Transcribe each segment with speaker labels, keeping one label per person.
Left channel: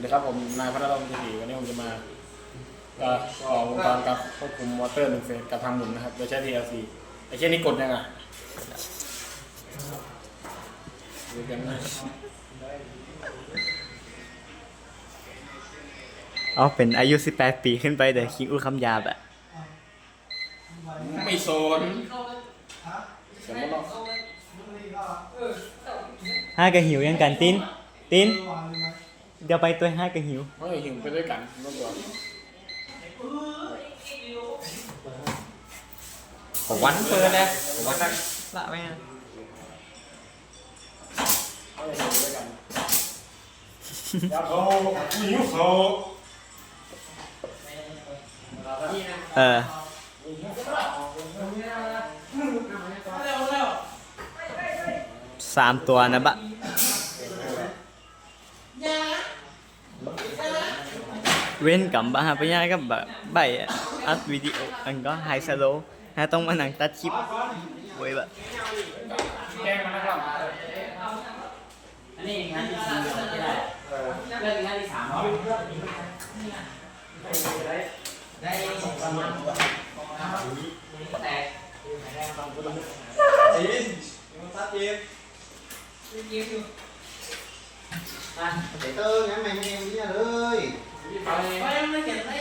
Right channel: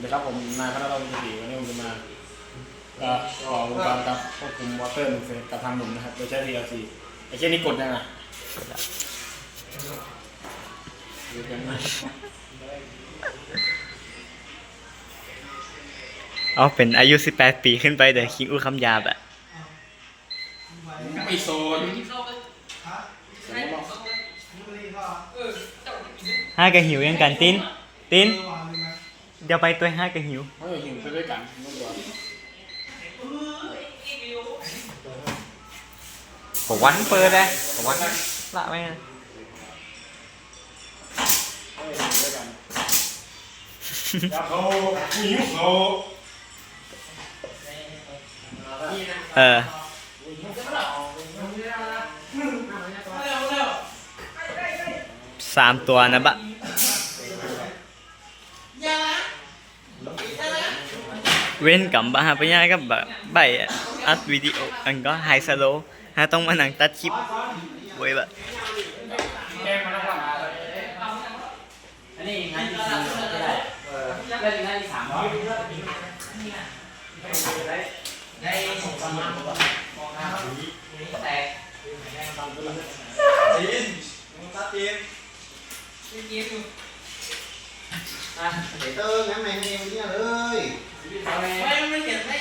Speaker 1: วัสดีครับผมนายพัฒนรงค์ศรีวันนี้ผมจะมาเอ่อออกวงการกับควบคุมมอเตอร์หนึ่งเฟสกับทางหมุนนะครับโดยใช้ PLC ไอ้เช่นนี้กดยังไงหรือยังไง
Speaker 2: อ๋อเป็นอายุ 18 ปีขึ้นไปเดี๋ยวคิงอู้คำหยาบอะ
Speaker 1: ไม่โซนสมมติเรา
Speaker 2: ห้ากะหิวยังกันตินตินเดี๋ยวไปตัวห้ากะหิว
Speaker 1: เฮ้ยหิวไปด้วยกันน้องตัว
Speaker 2: ผมวันเปิดเลยผมวันละไหม
Speaker 1: เฮ้ยหิวด้วยกันอยากโซหิวโซ
Speaker 2: เออสามตัวนะบะ เว้นกับบะฮะปะยากับแบบใบอัดวิดีโออันก็ไฮสโลฮะต้องมานั่งตัดคลิปไว้แบบ
Speaker 1: แกงมันนะครับ
Speaker 3: อันนี้งานที่สี่ไม่ได้เล่นงานที่สามเหรอได้ประมาณแตก
Speaker 4: ไปเติมงั้นไม่ให้มันเนี่ยเลย
Speaker 3: ไม่ไม่เก็บไม่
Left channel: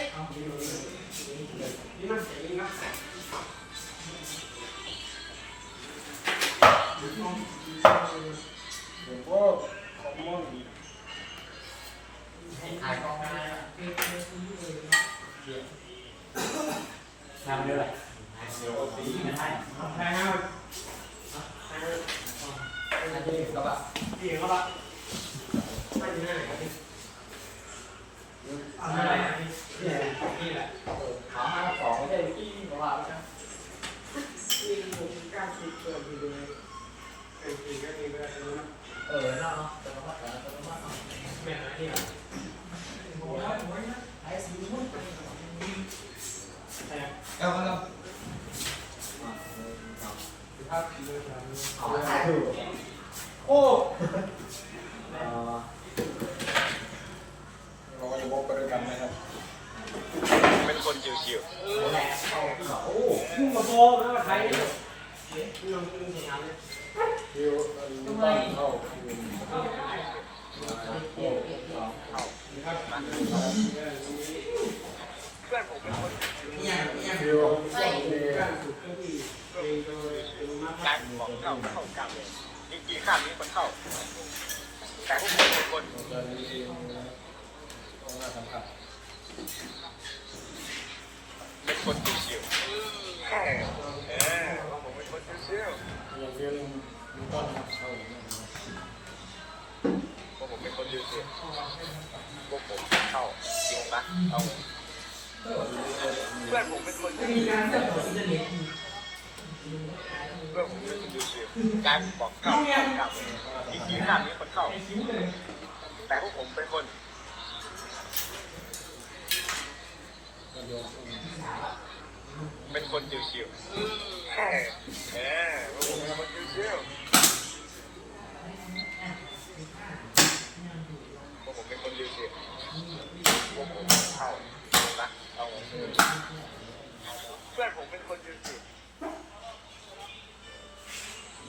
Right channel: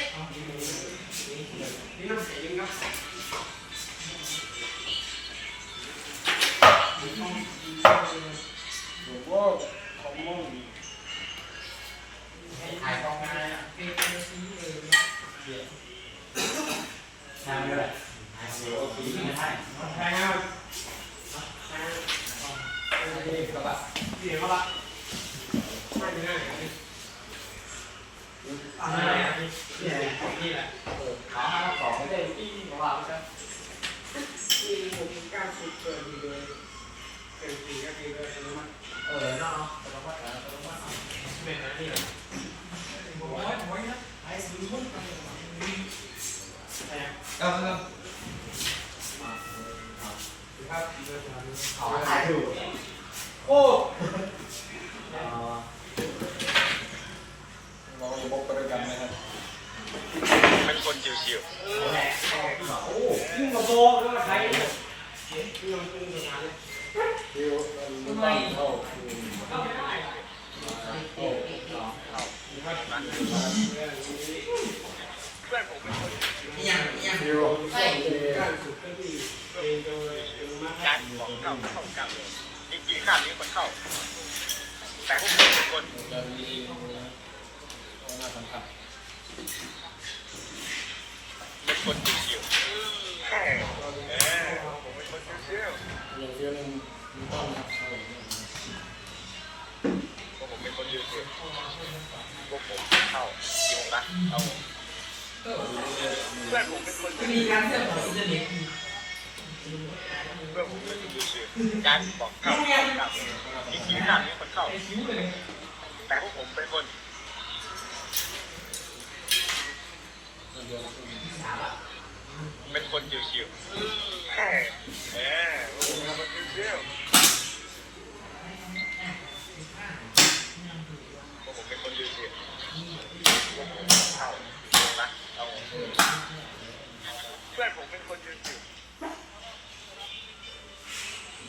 Speaker 1: หลวงพ่อคอมมอน
Speaker 3: ถ่ายกองมาทำด้วยถ่ายสีไม่ใช่ถ่ายงานถ่ายกระบะพี่กระบะอะไร นี่นี่แหละขาสองไม่ได้อีกกระบะใช่เออเนาะแต่ว่าแต่ว่าแต่ว่าแม่นี่แหละโอ้ยโอ้ยนะไอ้สิมุ่ง
Speaker 4: เอาเอา
Speaker 3: ขอถ่ายถู
Speaker 4: โอ้
Speaker 1: เราอย่าบกไปด้วยกันนะครับ
Speaker 2: เป็น คนชิว
Speaker 3: แหละโอ้พุ่งกระโปงแล้วมาใคร
Speaker 1: คิวมันต้องเข้าคิว
Speaker 3: ยังยัง
Speaker 1: คิวใช่
Speaker 2: ๆการบอกเข้าเข้ากันจริงๆข้ามนี้คนเข้า แต่พวกผมเป็นคน
Speaker 1: จะมีตรงหน้าสัมผัส
Speaker 2: เป็น คนชิวๆเออผมเป็นคนชิว
Speaker 1: อย่างคิวนึงมีต้นครับเขาอย่างนี้
Speaker 2: ๆพวกผมเป็นคนชิวๆพวกผมเข้ากี่โมงนะเอาเพื่อนผมเป็นคนชิว
Speaker 3: มีการเลือกของอินเทอร์เน็ต
Speaker 2: ๆเพื่อนผมเป็นคนชิวๆการบอกเข้าเข้ากันจริงๆข้านี้คนเข้า แต่พวกผมเป็นคน
Speaker 1: เดียว
Speaker 2: เป็นคนชิวๆเออเออพวกผมเป็นคนชิวๆพวกผมเป็นคนชิวๆพวกผมเข้านะเอาเพื่อนผมเป็นคนชิวๆ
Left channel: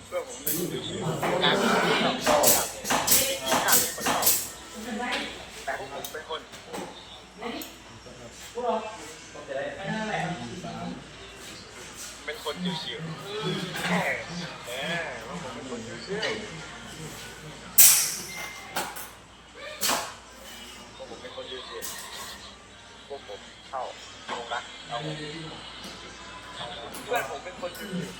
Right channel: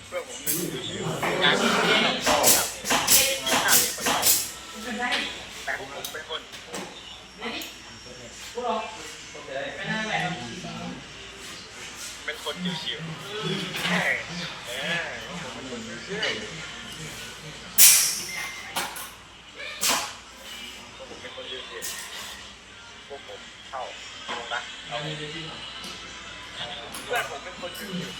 Speaker 2: เพื่อนผมเป็นคนชิวๆการเข้าเข้ากันข้ามนี้คนเข้าแต่พวกผมเป็นคน
Speaker 3: พวกเราไปนั่งไหนครับ
Speaker 2: เป็น คนชิวๆเออเออพวกผมเป็นคนชิวๆพวกผมเป็นคนชิวๆพวกผมเข้าลงนะเอาเพื่อนผมเป็นคนชิวๆ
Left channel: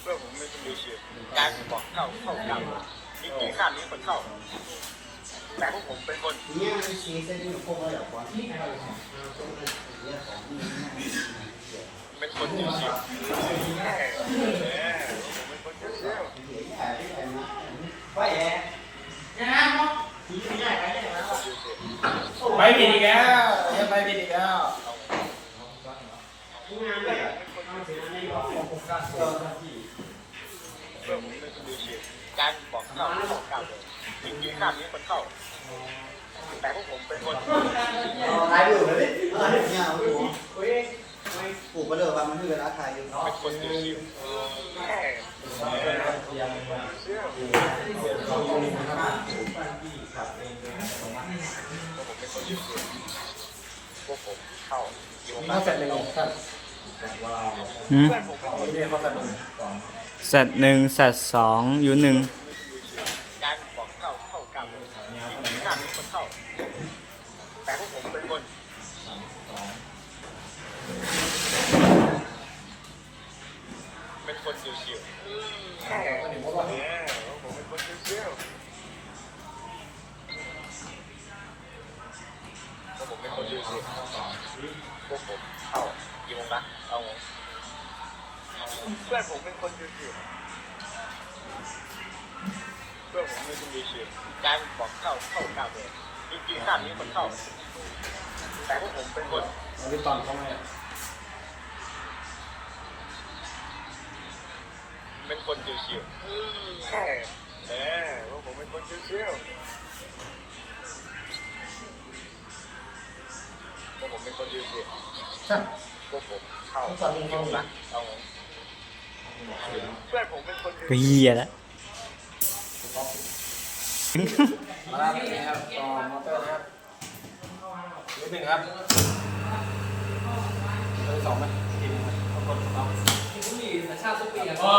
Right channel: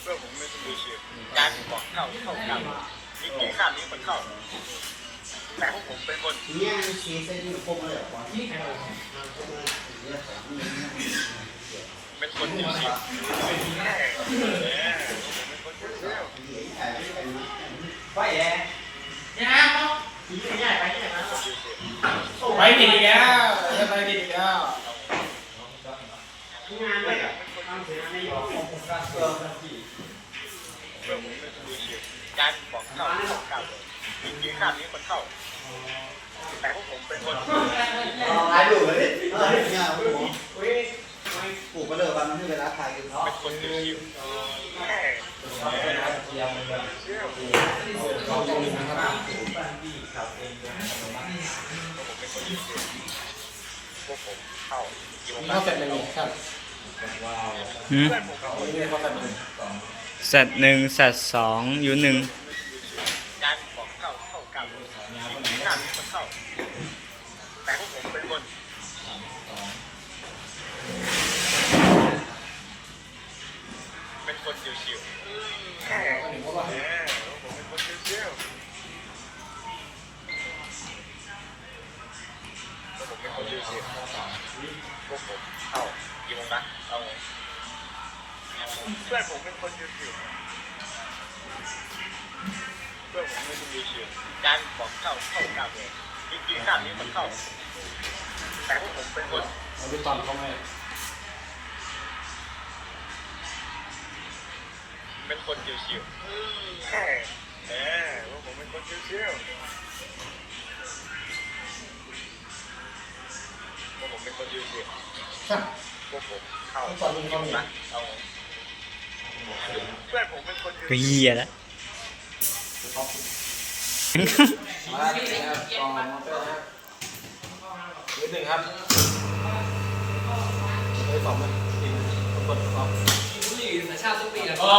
Speaker 2: เพื่อนผมเป็นคนชิวๆการบอกเข้าเข้ากันจริงๆข้ามนี้คนเข้า แต่พวกผมเป็นคน
Speaker 4: เนี่ยเสียเส้นอยู่พวกอะไรก่อน
Speaker 3: นี่ใครเอา
Speaker 4: เนี่ยองนี่
Speaker 2: เป็นคนชิวๆเออเออพวกผมเป็นคนชิวๆ
Speaker 4: เห็นถ่ยที่ไหนมา
Speaker 3: ไปแย่ยังไงเนาะขี่ไปใหญ่ไปใหญ่มา
Speaker 1: ไปผิดอีกแล้วจะไปผิดอีกแล้ว
Speaker 3: งานด้วยต้องเสียไม่ยอมของผมก็เออที่
Speaker 2: เพื่อผมเป็นคนชิวๆการบอกเข้าเข้ากันเลยมีข้ามนี้คนเข้า แต่พวกผมเป็นคน
Speaker 4: ถ่ายรูปเลยเนี่ยเอาหัวปลูกไปเลยวันมันให้เวลาถ่ายกัน
Speaker 2: เป็นคนชิวๆแค่เข้าตรงนี้นะครับพวกผมเข้าอยู่ข้าเสร็จหนึ่งครับ
Speaker 5: หืม
Speaker 2: เพื่อนผมเป็นคนที่เขาเสร็จ หนึ่ง
Speaker 5: สัตว์หนึ่งสัตว์สองอยู่หนึ่ง
Speaker 2: การบอกเข้าเข้ากรรมมีข้ามนี้คนเข้า แต่พวกผมเป็นคนเป็นคนชิวๆแค่เออผมเป็นคนชิวๆพวกผมเป็นคนชิวๆพวกผมเข้ากี่โมงนะเอาโมงเพื่อนผมเป็นคนชิวๆเพื่อนผมเป็นคนชิวๆการบอกเข้าเข้ากรรมเลยจริงๆข้ามนี้คนเข้า แต่พวกผมเป็นคนเอาดิตอนเขาเลยเป็นคนชิวๆแค่เออพวกผมเป็นคนชิวๆพวกผมเป็นคนชิวๆ พวกผมเข้าตอนนี้เขานะเอาเพื่อนผมเป็นคนชิว
Speaker 5: ก็เฮียแล้ว
Speaker 2: มาแล้วนะครับต่อมอเตอร์นะครับนิดหนึ่งครับเบอร์สองไหมกินกดสอง
Speaker 3: บุหรี่สัญชาติทุกปีอะ
Speaker 2: อ๋อ